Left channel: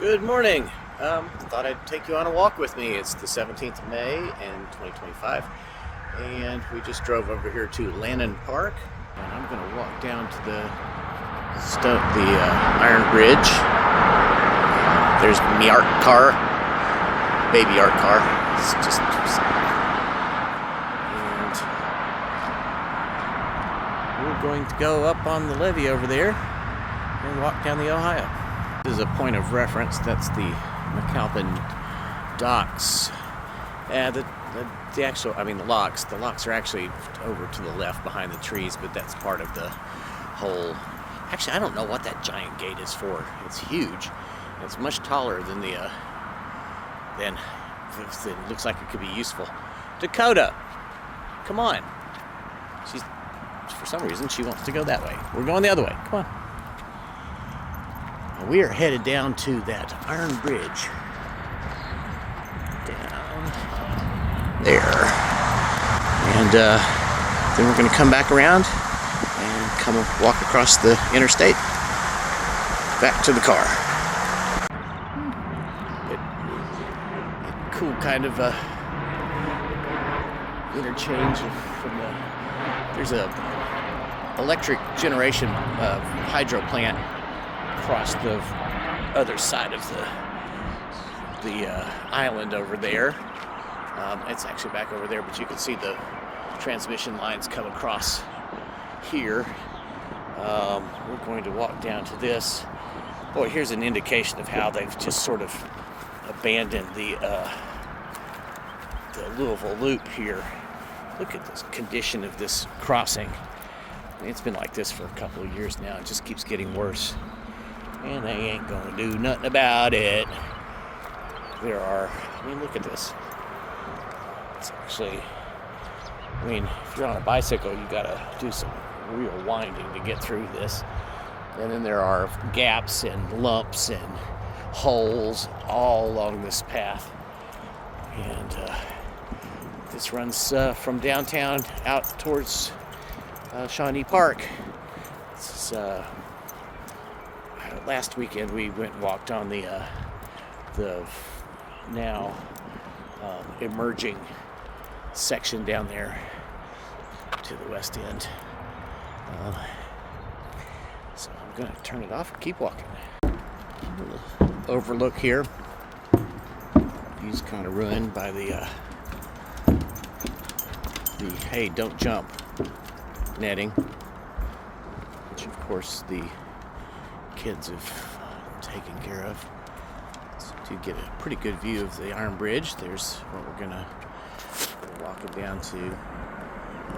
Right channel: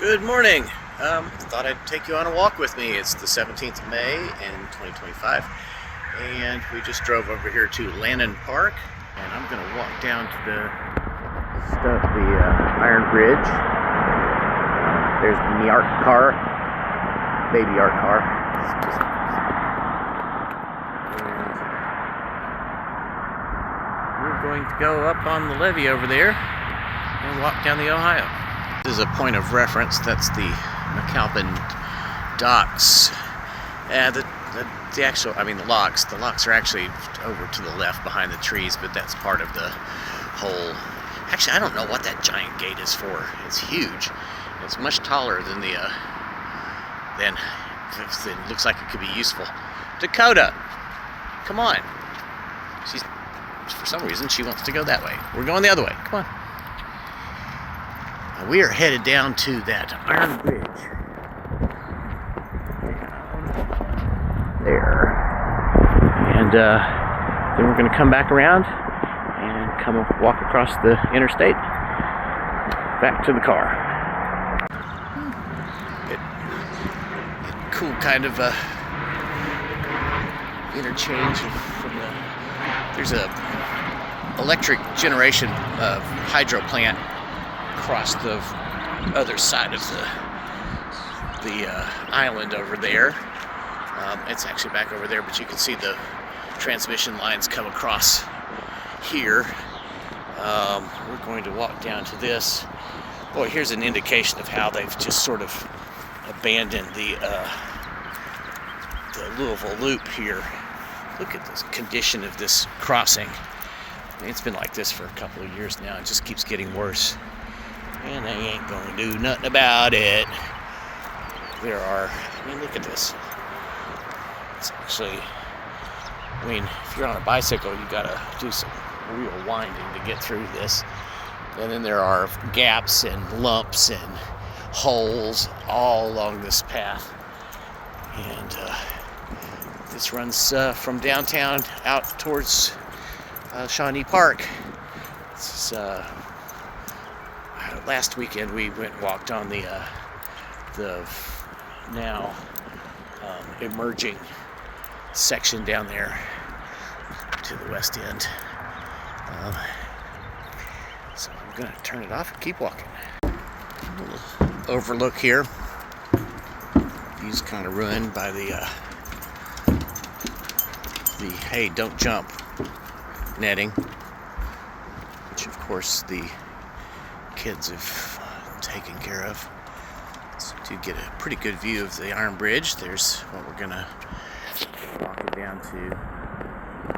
Good morning. Thought I'd take you on a walk with me. It's the 17th of May in 2025, and we just drove over here to Lannon Park, and I'm going to walk down to the Iron Bridge. There's me art car, baby art car. It's just, and we're going to go up on the levee over there and walk down the Ohio. This is a point of reference. That's the McAlpin docks. The locks. The locks are actually over to the left behind the trees, but that's part of the whole. Actually, I don't know what that giant gate is for. It's huge. It's much taller than it looks like it could be useful. Dakota, come on. For some reason, she wants to go that way. We're going the other way. Come on. We are headed down to that Iron Bridge. Down there. And then we're going to come back around and walk across the interstate back to the car. Cool kind of interchange there's a electric generation hydro plant across the other side of the island over there. It's actually back over there, but you can see the transmission lines come across here. We're going to walk down to this. Boy, here's an indication of how they've just sort of abandoned the Louisville Loop here. Look at the condition of this crossing. It's been like this for a couple of years now. It just keeps getting worse. And they ain't gonna do nothing about it. Look at this. It's actually, if you're on a bicycle, you gotta do some real winding to get through this. And then there are gaps and lumps and holes all along this path. And this runs from downtown out towards Lannon Park. Last weekend we went and walked on the now emerging section down there to the west end. So I'm going to turn it off and keep walking. A little overlook here. View's kind of ruined by the hey, don't jump netting, which of course the kids have taken care of. So to get a pretty good view of the Iron Bridge, there's what we're gonna walk it down to.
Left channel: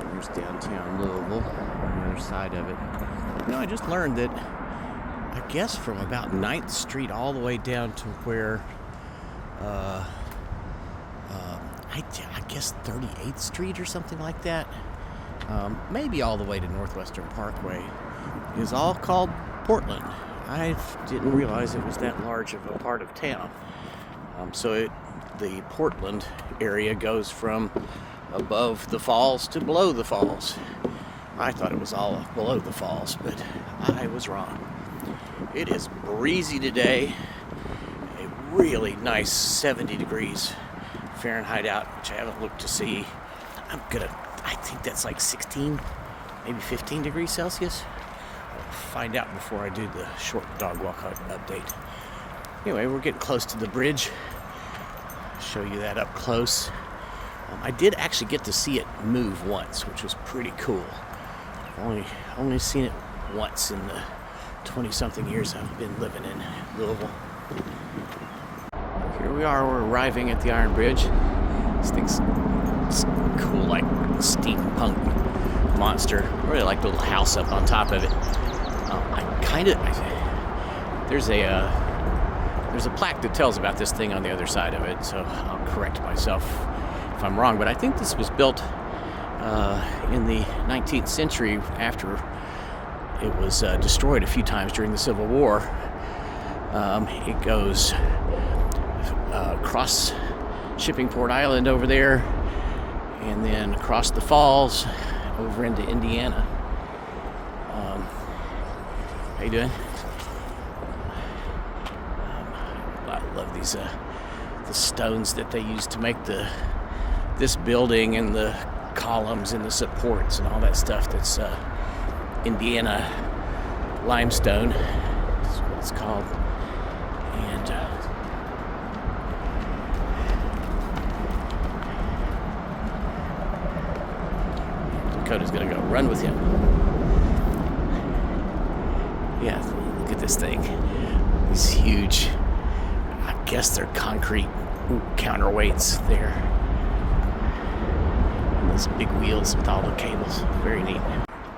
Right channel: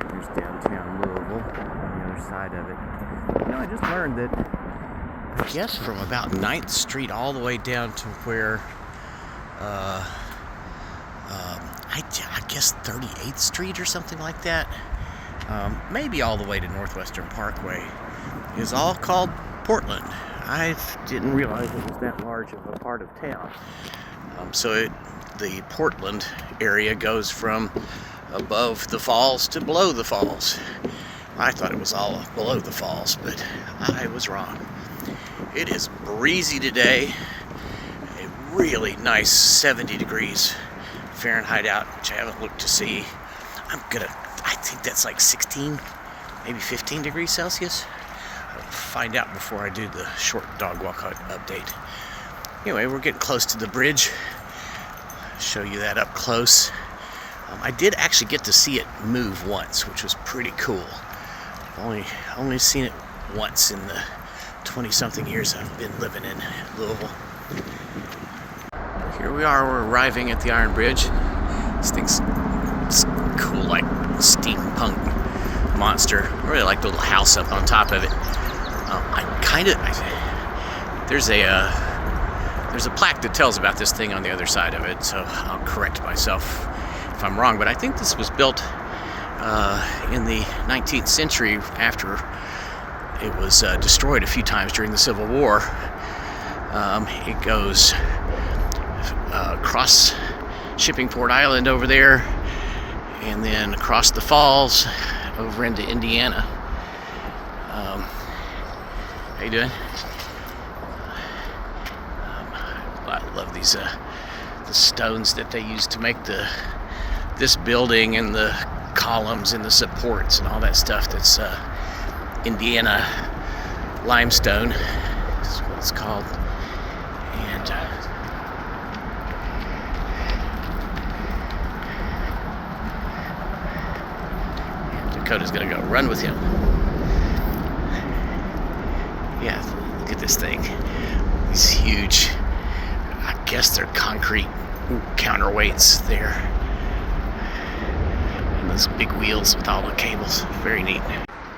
There's downtown Louisville on the other side of it. I just learned that I guess from about 9th Street all the way down to where I guess 38th Street or something like that, maybe all the way to Northwestern Parkway, is all called Portland. I didn't realize it was that large of a part of town. The Portland area goes from above the falls to below the falls. I thought it was all below the falls, but I was wrong. It is breezy today. A really nice 70 degrees Fahrenheit out, which I haven't looked to see. I think that's like 16, maybe 15 degrees Celsius. I'll find out before I do the short dog walk update. Anyway, we're getting close to the bridge. I'll show you that up close. I did actually get to see it move once, which was pretty cool. I've only seen it once in the 20-something years I've been living in Louisville. Here we are, we're arriving at the Iron Bridge. This thing's cool, like steampunk monster. I really like the little house up on top of it. There's a plaque that tells about this thing on the other side of it, so I'll correct myself if I'm wrong, but I think this was built in the 19th century after it was destroyed a few times during the Civil War. It goes across Shippingport Island over there, and then across the falls over into Indiana. How you doing? I love these the stones that they used to make this building, and the columns and the supports and all that stuff. That's Indiana limestone. That's what it's called. And Dakota's gonna go run with him. Yeah, look at this thing. These huge, I guess they're concrete counterweights there. And those big wheels with all the cables. Very neat.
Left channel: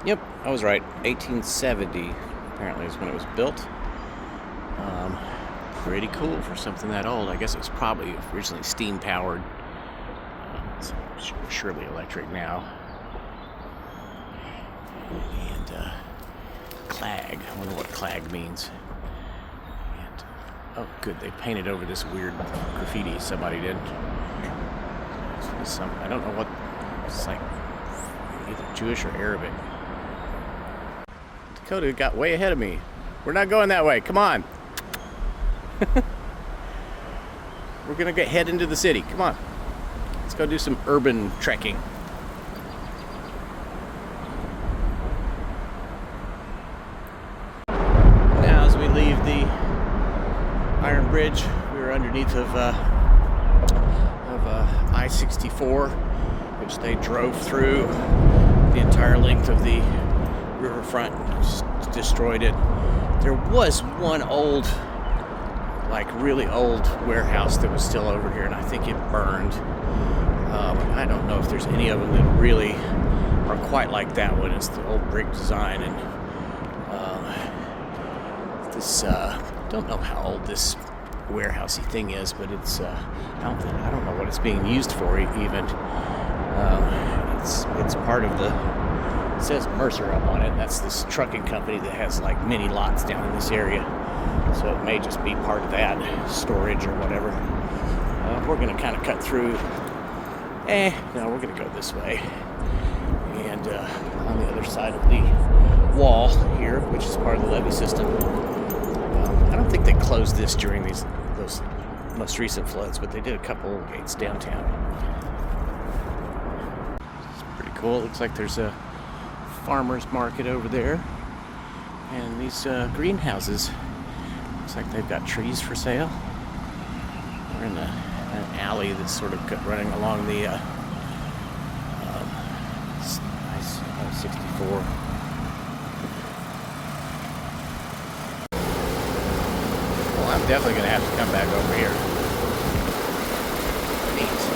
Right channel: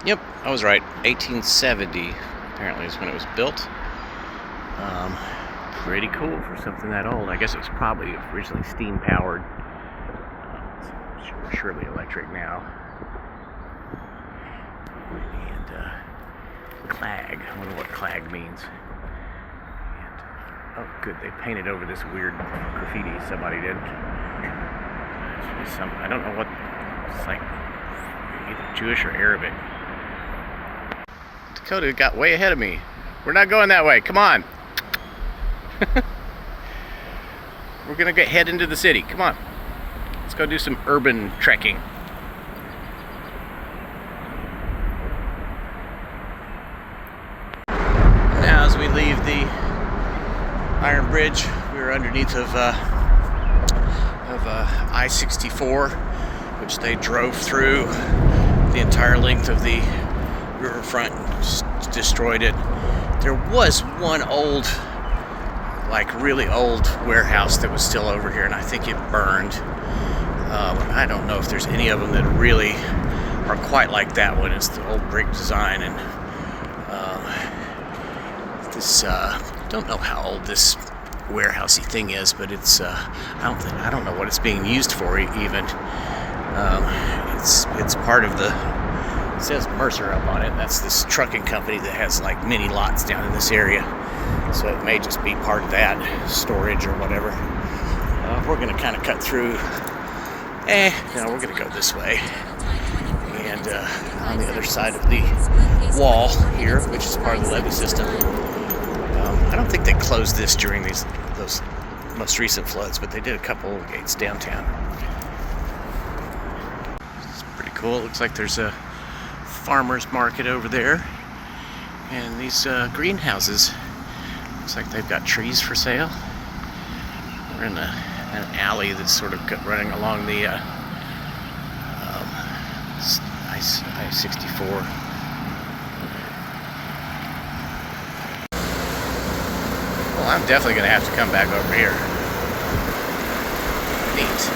Yep, I was right. 1870 apparently is when it was built. Pretty cool for something that old. I guess it was probably originally steam powered. It's surely electric now. And clag. I wonder what clag means. And, oh, good. They painted over this weird graffiti somebody did. I don't know what. It's like either Jewish or Arabic. Dakota got way ahead of me. We're not going that way. Come on. We're gonna head into the city. Come on. Let's go do some urban trekking. Now, as we leave the Iron Bridge, we're underneath of I-64, which they drove through the entire length of the riverfront, just destroyed it. There was one old, like really old warehouse that was still over here, and I think it burned. I don't know if there's any of them that really are quite like that one. It's the old brick design, and don't know how old this warehousey thing is, but it's I don't know what it's being used for even. It's part of the, it says Mercer up on it. That's this trucking company that has like many lots down in this area, so it may just be part of that storage or whatever. We're gonna kind of cut through. No, we're gonna go this way, and on the other side of the wall here, which is part of the levee system. I don't think they closed this during those most recent floods, but they did a couple of gates downtown. It's pretty cool. It looks like there's a farmer's market over there, and these greenhouses. Looks like they've got trees for sale. We're in an alley that's sort of running along the I-64. Well, I'm definitely going to have to come back over here. Neat.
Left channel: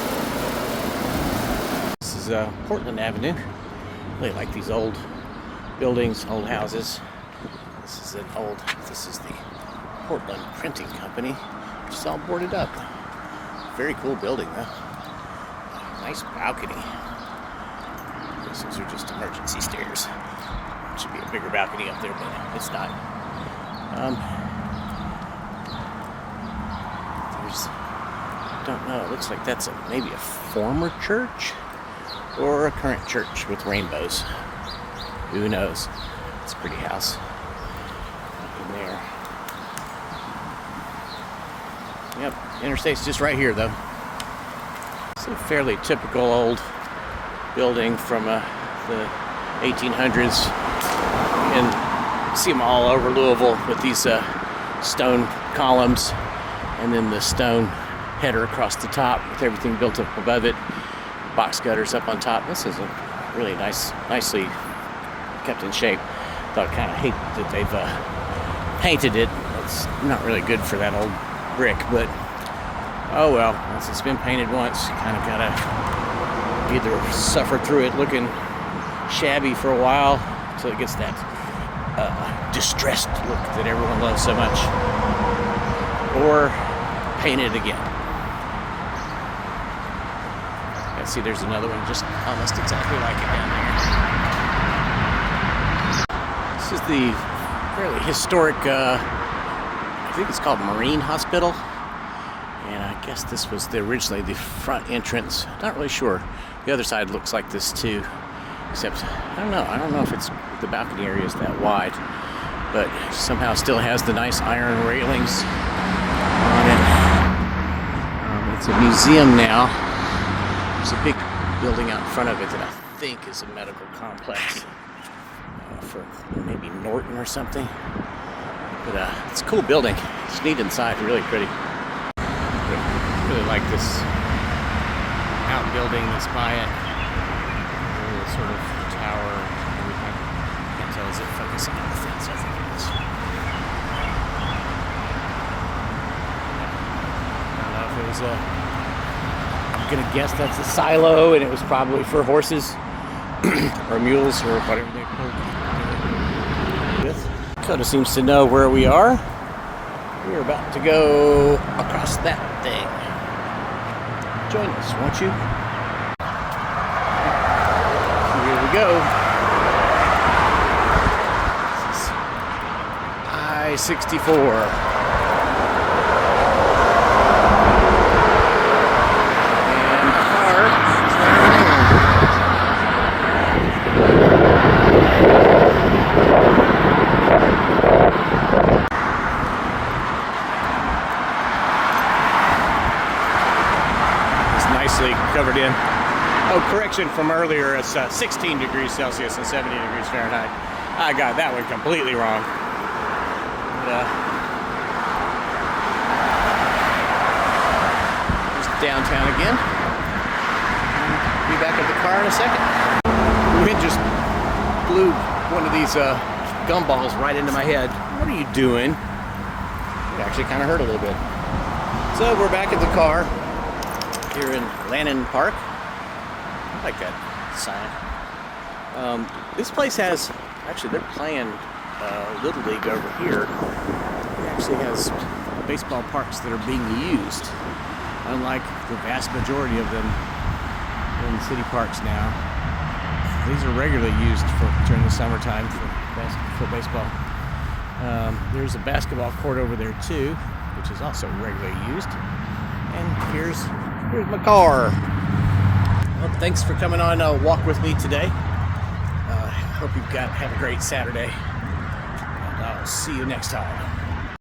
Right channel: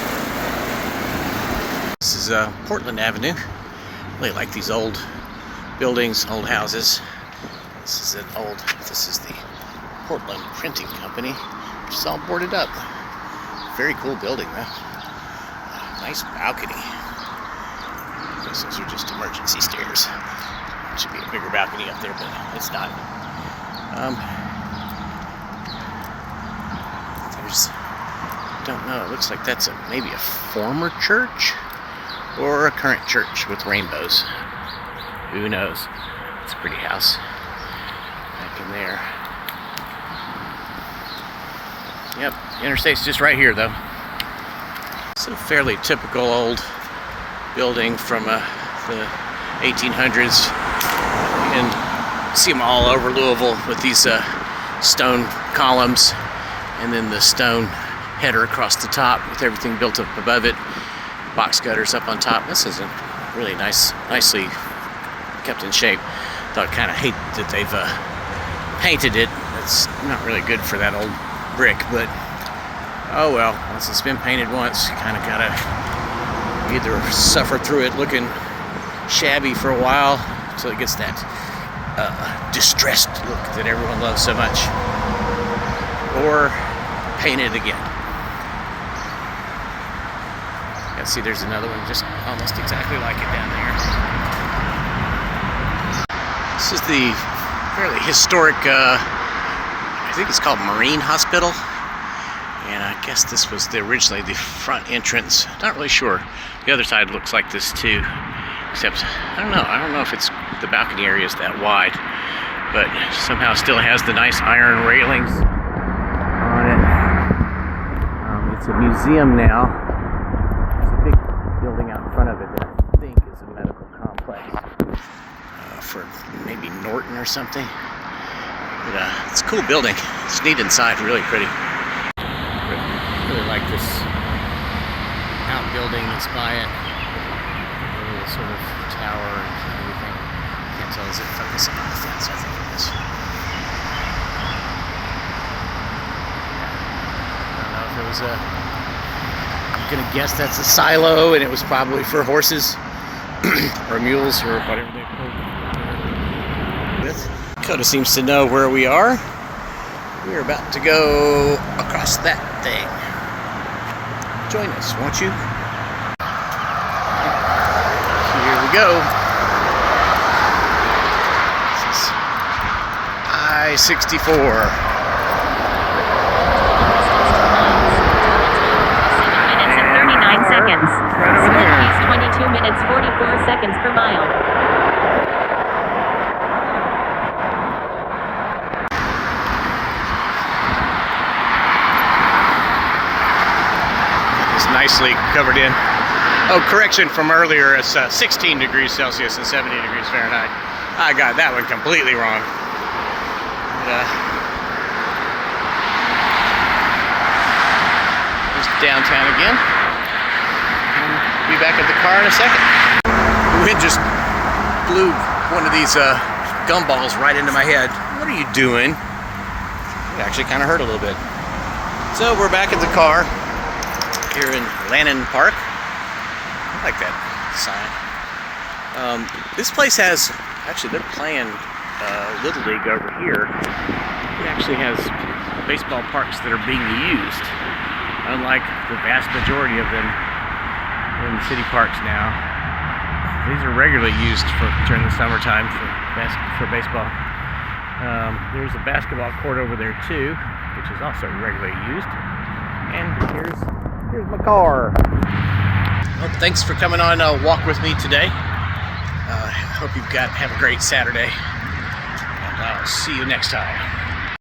This is Portland Avenue. Really like these old buildings, old houses. This is the Portland Printing Company. It's all boarded up. Very cool building, though. Nice balcony. I guess those are just emergency stairs. Should be a bigger balcony up there, but it's not. Don't know. It looks like that's maybe a former church or a current church with rainbows. Who knows? It's a pretty house back in there. Yep, interstate's just right here, though. It's a fairly typical old building from the 1800s. You can see them all over Louisville with these stone columns, and then the stone header across the top with everything built up above it. Box gutters up on top. This is a really nicely kept in shape. Though I kind of hate that they've painted it. That's not really good for that old brick, but oh well. Once it's been painted once, you kind of gotta either suffer through it looking shabby for a while until it gets that distressed look that everyone loves so much, or paint it again. Yeah, see, there's another one just almost exactly like it down there. This is the fairly historic, I think it's called Marine Hospital. And I guess this was originally the front entrance. Not really sure. The other side looks like this too. Except, I don't know if the balcony area is that wide. But somehow still has the nice iron railings on it. It's a museum now. There's a big building out in front of it that I think is a medical complex for maybe Norton or something. But it's a cool building. It's neat inside, really pretty. Really like this outbuilding that's by it. Really sort of tower and everything. Can't tell, is it focusing on the fence? I think it is. Yeah. I don't know if it was I'm gonna guess that's a silo, and it was probably for horses or mules or whatever they pulled with. Dakota seems to know where we are. We're about to go across that thing. Join us, won't you? Here we go. This is I-64. 22 minutes 44 seconds per mile. It's nicely covered in. Oh, correction from earlier, it's 16 degrees Celsius and 70 degrees Fahrenheit. I got that one completely wrong. Just downtown again. Be back at the car in a second. The wind just blew one of these gumballs right into my head. What are you doing? It actually kind of hurt a little bit. So we're back at the car here in Lannon Park. I like that sign. This place has, actually they're playing Little League over here. It actually has baseball parks that are being used, unlike the vast majority of them in city parks now. These are regularly used during the summertime for baseball. There's a basketball court over there too, which is also regularly used. And here's my car. Well, thanks for coming on a walk with me today. Hope have a great Saturday, and I'll see you next time.